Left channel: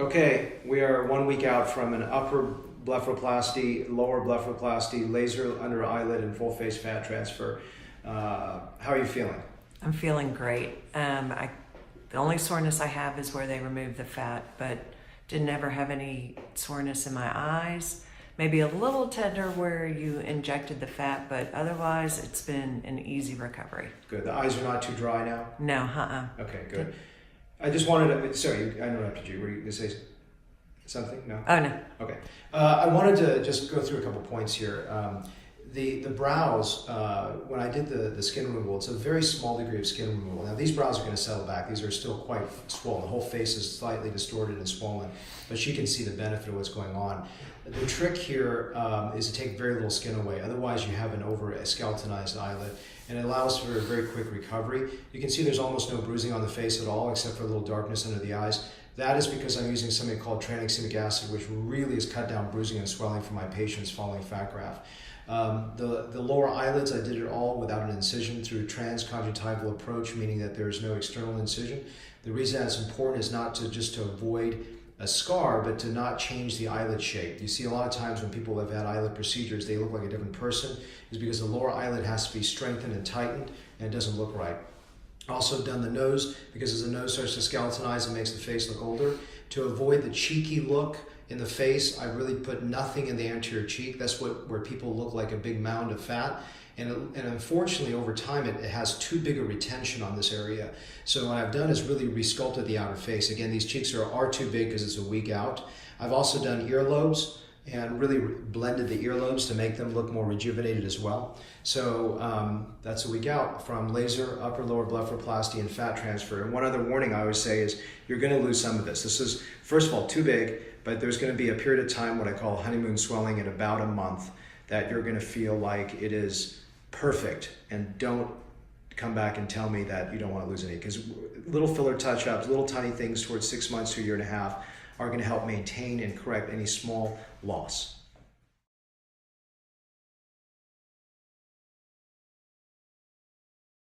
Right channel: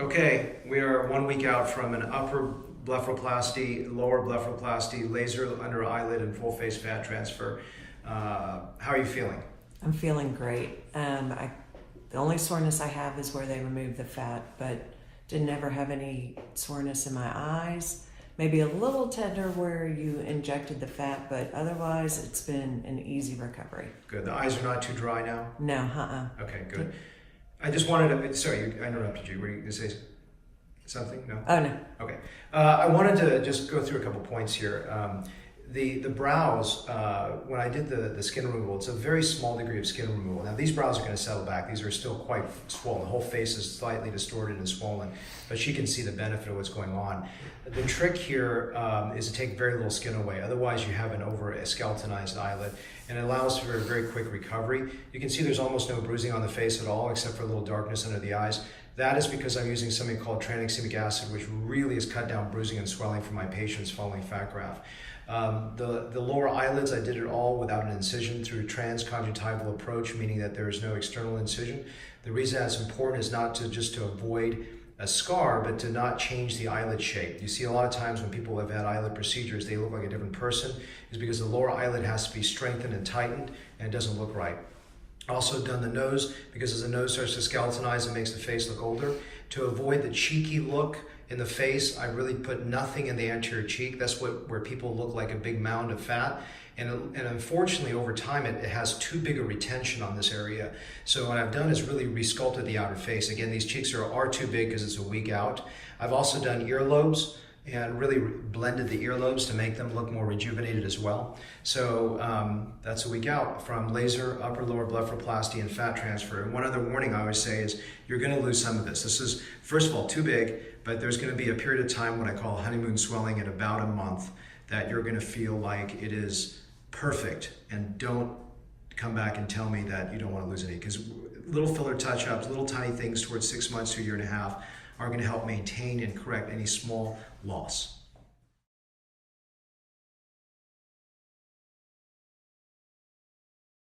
Okay, we are 1 week out from an upper blepharoplasty, lower blepharoplasty, laser under eyelid, and full face fat transfer. How are you feeling? I'm feeling great. The only soreness I have is where they remove the fat, but didn't ever have any soreness in my eyes. Maybe a little tender where you injected the fat, but otherwise it's been an easy recovery. Good. The eyes are not too dry now? No, Okay, good. I just wanted to, sorry, I interrupted you. Were you going to say something? No? Oh, no. Okay. I wanted to just go through a couple points here. The brows, when I did the skin removal, it's a very small degree of skin removal. Now these brows are going to settle back. These are still quite swollen. The whole face is slightly distorted and swollen, but she can see the benefit of what's going on. The trick here is to take very little skin away. Otherwise you have an over-skeletonized eyelid, and it allows for a very quick recovery. You can see there's almost no bruising on the face at all, except for a little darkness under the eyes. That is because I'm using something called tranexemic acid, which really has cut down bruising and swelling for my patients following fat graft. The lower eyelids, I did it all without an incision through a transconjunctival approach, meaning that there is no external incision. The reason that's important is not just to avoid a scar, but to not change the eyelid shape. You see a lot of times when people have had eyelid procedures, they look like a different person. It's because the lower eyelid has to be strengthened and tightened, and it doesn't look right. Also done the nose, because as the nose starts to skeletonize, it makes the face look older. To avoid the cheeky look in the face, I really put nothing in the anterior cheek. That's where people look like a big mound of fat. And unfortunately, over time, it has too big a retention on this area. So what I've done is really resculpted the outer face. Again, these cheeks are too big because it's a week out. I've also done earlobes and really blended the earlobes to make them look more rejuvenated as well. So that's a week out from laser, upper lower blepharoplasty, and fat transfer. And one other warning I always say is you're going to lose some of this. This is, first of all, too big, but there's going to be a period of time, what I call honeymoon swelling, in about a month, that you're going to feel like it is perfect. And don't come back and tell me that you don't want to lose any, because little filler touch-ups, little tiny things towards 6 months to a year and a half are going to help maintain and correct any small loss.